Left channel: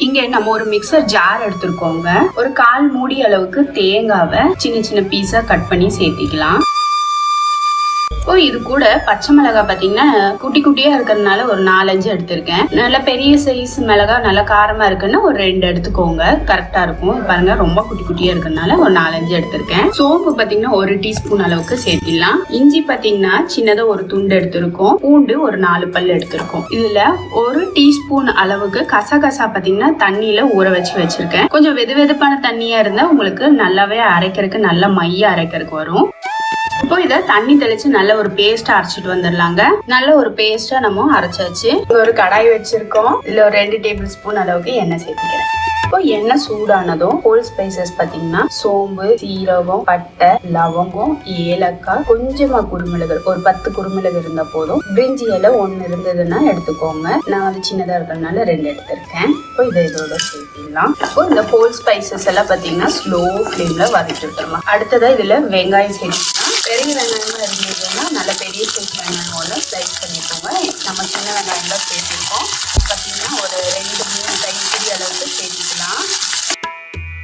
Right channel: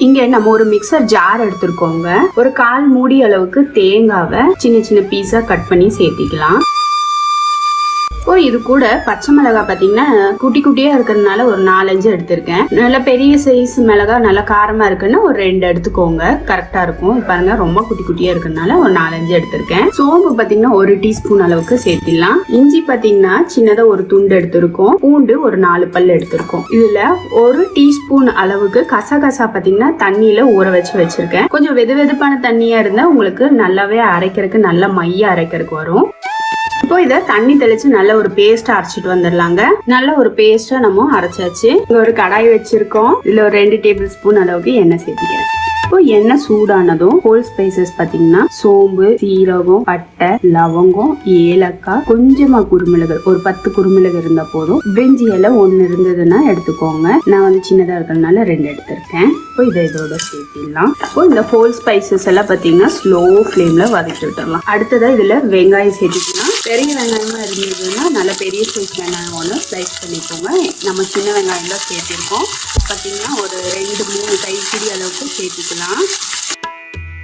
இங்க நம்ம ஒரு மிக்சர் ஜார் எடுத்துருக்கோங்க. ஒரு 1/4 மூடி அளவுக்கு தேங்காவை சின்ன சின்ன பீஸா கட் பண்ணி சேர்த்திக்கலாம். இப்போ இது கூட பச்சை மிளகாய் பாத்தீங்கன்னா குட்டி குட்டியா இருக்கிறதுனால ஒரு 4-5 எடுத்திருக்கேன். நல்ல பெரிய சைஸ் மிளகாய் நல்லா காரமா இருக்குன்னா ஒரு 2 எடுத்துக்கோங்க, கரெக்டா இருக்கும். பாருங்க ரொம்ப குட்டி குட்டியா இருக்கிறதுனால ஒரு 4-5 எடுத்திருக்கேன். சோம்பு பாத்தீங்கன்னா 1 டீஸ்பூன் அளவுக்கு சேர்த்திடலாம். இஞ்சி பாத்தீங்கன்னா சின்னதா ஒரு துண்டு எடுத்திருக்கோம். பூண்டு ஒரு 4 பல் எடுத்திருக்கோம். இதுல 1 டீஸ்பூன் அளவுக்கு கசகசா பாத்தீங்கன்னா தண்ணியில ஊற வச்சிருக்கேன். கொஞ்சம் வெது வெதுப்பான தண்ணியா இருந்தா உங்களுக்கு நல்லாவே அரைக்கிறதுக்கு நல்ல மைய அரைக்கிறதுக்கு வரும். இப்போ இதை தண்ணி தெளிச்சு நல்ல ஒரு பேஸ்டா அரைச்சிட்டு வந்துடலாங்க. நல்ல ஒரு பேஸ்டா நம்ம அரைச்சாச்சு. ஒரு கடாய் வச்சிருக்கோம். இதுல ஒரு 2 டேபிள் ஸ்பூன் அளவுக்கு எண்ணெய் சேர்த்துக்கிறேன். இப்போ எண்ணெய் சூடானதும் ஹோல் ஸ்பைசஸ் பாத்தீங்கன்னா சோம்பு, சீரகம், பட்டை, லவங்கம், ஏலக்காய், கொஞ்சமா குருமிளகு, ஒரு 10 குருமிளகு இருந்தா போதும். பிரிஞ்சி இலை 1 இருந்ததுன்னா எடுத்துக்கோங்க. நான் வந்து சின்னதா இருக்கிறதுனால 2 எடுத்திருக்கேன். இப்போ இதை இதோட சேர்த்திடலாம். இப்போ இந்த ஹோல் ஸ்பைசஸ் எல்லாம் பாத்தீங்கன்னா ஸ்லோ ஃபிளேம்ல வதக்கி விட்டுறலாம். அடுத்ததா இதுல வெங்காயம் சேர்த்துக்கலாம். பெரிய வெங்காயமா இருந்ததுன்னா நல்ல பெரிய சைஸ் வெங்காயம் ஒன்று ஸ்லைஸ் பண்ணிக்கோங்க. நம்ம சின்ன வெங்காயம் தான் சேர்த்திருக்கோம். பார்த்தீங்கன்னா ஒரு 2-3 கைப்பிடி அளவுக்கு சேர்த்திக்கலாம்.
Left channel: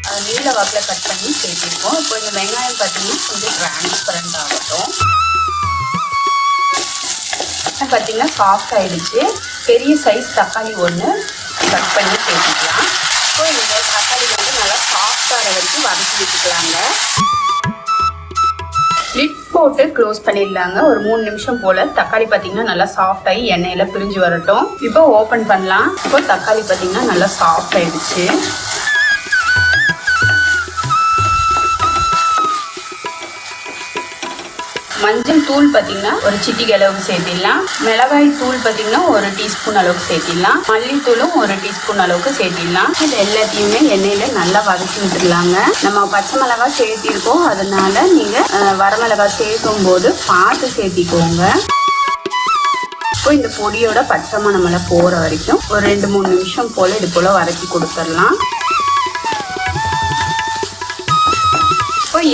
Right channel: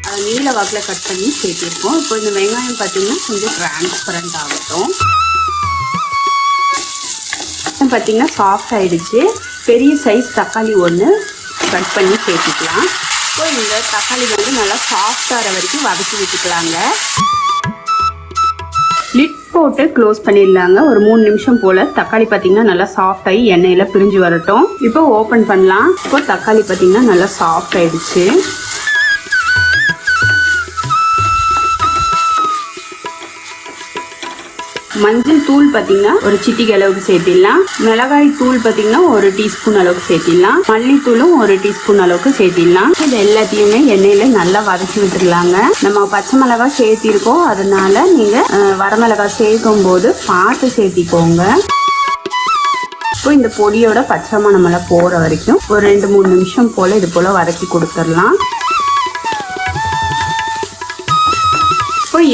அதை நீல வாக்கில் கட் பண்ணி சேர்த்திருக்கோம். இப்போ இந்த வெங்காயம் பார்த்தீங்கன்னா கொஞ்சம் டிரான்ஸ்பரண்ட் ஆகட்டும். பார்த்தீங்கன்னா சாஃப்ட் ஆயிடுச்சு. பெரிய சைஸ் தக்காளி ஒன்று கட் பண்ணி சேர்த்துக்கலாம். ஸோ இந்த தக்காளி வந்து நல்லா சாஃப்டாக வரைக்கும் வதக்கி வச்சுக்கலாங்க. லிட் போட்டு க்ளோஸ் பண்ணிடலாங்க. ஒரு 3 நிமிஷம் போல தக்காளி பார்த்தீங்கன்னா நல்லா சாஃப்ட் ஆகி எண்ணெயில பிரிஞ்சு வரட்டும். இப்போ ஓப்பன் பண்ணலாம். இப்போ தக்காளி பார்த்தீங்கன்னா நல்லா சாஃப்ட் ஆயிடுச்சு. மஞ்சள் தூள் பார்த்தீங்கன்னா ஒரு சிட்டிகை அளவுக்கு சேர்த்திடலாம். மிளகாய் தூள் பார்த்தீங்கன்னா 1 டீஸ்பூன் அளவுக்கு சேர்த்திடலாம். மல்லித்தூளும் 1 டீஸ்பூன் அளவுக்கு சேர்த்திடலாம். இது எல்லாத்தையுமே எண்ணெயில நல்லா வதக்கி விட்டுருலாங்க. நம்ம பச்சை மிளகாய் சேர்த்திருக்கோம், அதனால நீங்க வரமிளகாய் சேர்க்கும் போது பார்த்து சேர்த்திக்கோங்க. இப்போ இந்த பொடியோட பச்சை மணமெல்லாம் போற வரைக்கும் ஒரு 2-3 நிமிஷம் போல இது போல வதக்கி கொடுத்துடலாம்.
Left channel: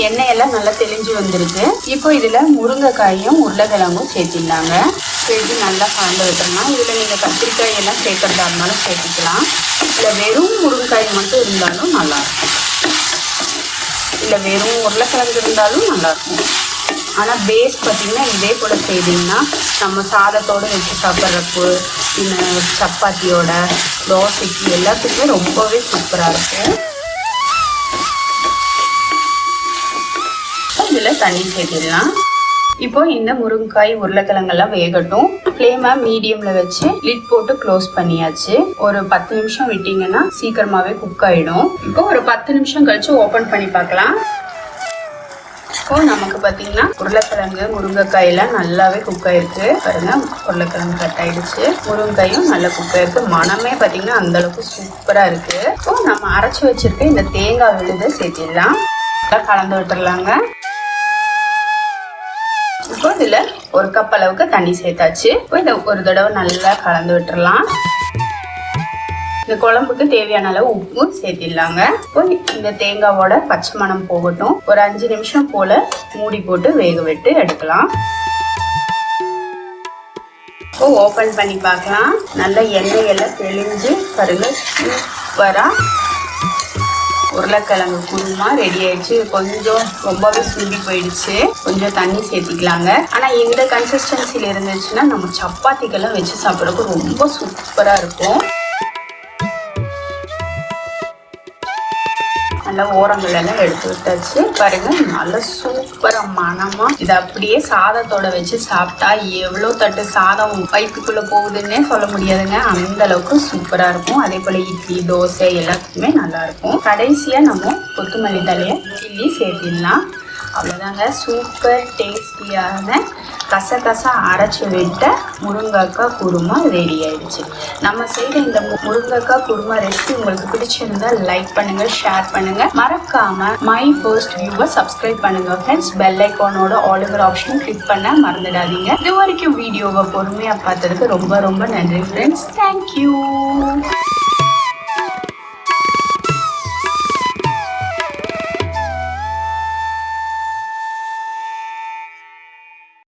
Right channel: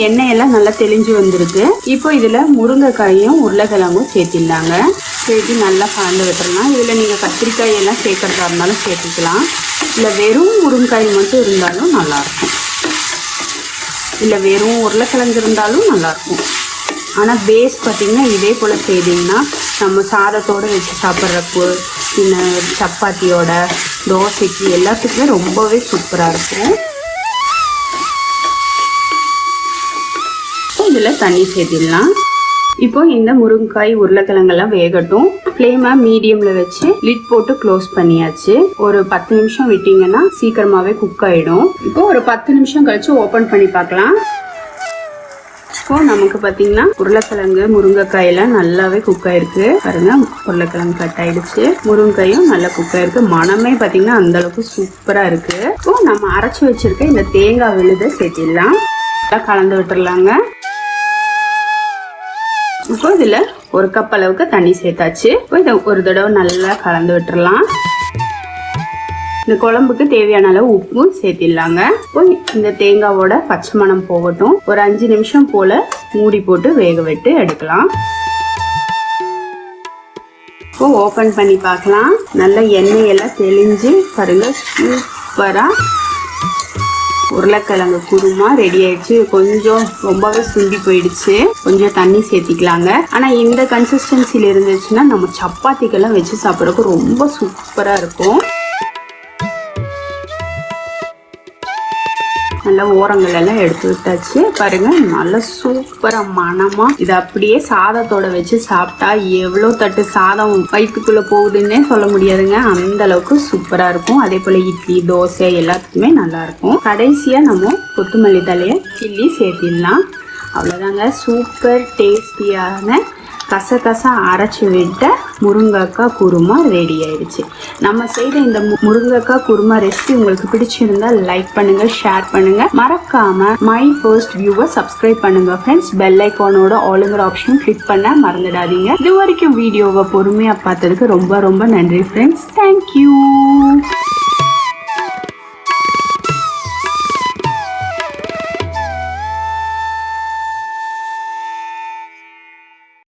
எண்ணெயெல்லாம் நல்லா தெளிஞ்சு வந்துருக்கு. இப்போ இதுல முருங்கைக்காயும் உருளைக்கிழங்கும் சேர்த்திடலாங்க. சேர்த்து நல்லா கலந்து விட்டுறலாம். இதுல நீங்க கத்திரிக்காய் எல்லாம் சேர்க்கறதா இருந்தாலும் சேர்த்துக்கலாம். இல்லை வெறும் முருங்கைக்காய் மட்டும் இருந்தாலும் நல்லா இருக்கும். இல்லை வெறும் உருளைக்கிழங்கு இருந்தாலும் நல்லா இருக்கும். ஆனால் பேஸ் பார்த்தீங்கன்னா இதே போல செய்தீங்கன்னா நம்ம சாதத்தோடு வச்சு சாப்பிட்றப்போ, இல்லை சப்பாத்தியோட, தோசைக்கு எல்லாத்துக்குமே ரொம்பவே சூப்பராக இருக்கும். இதுல தண்ணி சேர்த்திடலாம். இப்போ இந்த முருங்கைக்காய் உருளைக்கிழங்கெல்லாம் வேகட்டும். ஃப்ளேமை மீடியம்ல வச்சு லிட் போட்டு க்ளோஸ் பண்ணியாச்சு. ஒரு 10 நிமிஷம் விட்டீங்கன்னா சீக்கிரமாவே குக் ஆயிடும். இப்போ ஒரு 10 நிமிஷம் கழிச்சு ஓபன் பண்ணி பார்க்கலாம். இப்போ நமக்கு பார்த்தீங்கன்னா உருளைக்கிழங்கு முருங்கைக்காய் எல்லாம் நல்லாவே குக் ஆயிருக்கு. பாருங்க, உருளைக்கிழங்கு கட் ஆயிடுச்சு, முருங்கைக்காயும் நல்லா குக் ஆயிருக்கு. மனமே பார்த்தீங்கன்னா அந்த அளவுக்கு சூப்பரா இருக்கு. இப்போ நம்ம அரைச்சி வச்சிருக்க இந்த தேங்காய் விழுதை சேர்த்திடலாம். கலந்து விட்டுறலாங்க. இப்போ இதுல 1 கப் அளவுக்கு தண்ணி சேர்த்தாச்சு. இதை ஒரு தடவை நல்லா கலந்து விட்டுறலாம். இந்த குழம்புக்கு தேவையான அளவு உப்பு சேர்த்திடலாங்க. இப்போ இந்த தேங்காவோட பச்சை மணம் போகட்டும். ஒரு 5 நிமிஷம் போல மூடி போட்டு வேக விட்டு எடுக்கலாம். இப்போ ஓபன் பண்ணி பார்க்கலாம். நல்ல எண்ணெயெல்லாம் தெளிஞ்சு பாருங்க, சூப்பரா உருளைக்கிழங்கு குருமா ரெடி ஆயிடுச்சு. கொஞ்சம் ரொம்பவே சுண்டி போயிடுச்சு. கொஞ்சம் தண்ணி சேர்த்திக்கலாங்க. ஆனா இந்த கன்சிஸ்டன்சில இருந்துச்சுன்னா நம்ம சப்பாத்திக்கெல்லாம் வச்சு சாப்பிட்றதுக்கு ரொம்ப சூப்பரா இருக்கும். நல்லா ஓரங்கள் எல்லாம் எடுத்து விட்டாச்சு. பாருங்க, நல்ல சூப்பரா மனமா இது அப்படியே சாதத்தோட வச்சு சாப்பிட்டா எவ்வளோ தட்டு சாதம் வயிற்றுக்குள்ள போகுதுன்னே சொல்ல முடியாதுங்க. அந்த அளவுக்கு சூப்பரா இருக்கும். அதே போல இட்லி, தோசை எல்லாத்துக்குமே நல்லா இருக்கும். கடைசியா நம்ம கொத்தமல்லி தலையை கிள்ளி சேர்த்திடலாம். அவ்வளோதாங்க, சூப்பர் டேஸ்டியான கசகசா அரைச்சி விட்ட முருங்கைக்காய் குருமா ரெடி ஆயிடுச்சு. நம்ம செய்த இந்த முருங்கைக்காய் குருமா ரெசிபி உங்களுக்கு பிடிச்சிருந்தா லைக் பண்ணுங்க, ஷேர் பண்ணுங்க, மறக்காம மை ஃபர்ஸ்ட் வியூவை சப்ஸ்கிரைப் பண்ணுங்க ஃப்ரெண்ட்ஸ். பெல் ஐக்கானோட ஆளுங்கிற ஆப்ஷனும் கிளிக் பண்ண மறந்துடாதீங்க. இது வரைக்கும் வீடியோவை பொறுமையா பார்த்ததுக்கு ரொம்ப ரொம்ப நன்றி ஃப்ரெண்ட்ஸ். தேங்க்யூ.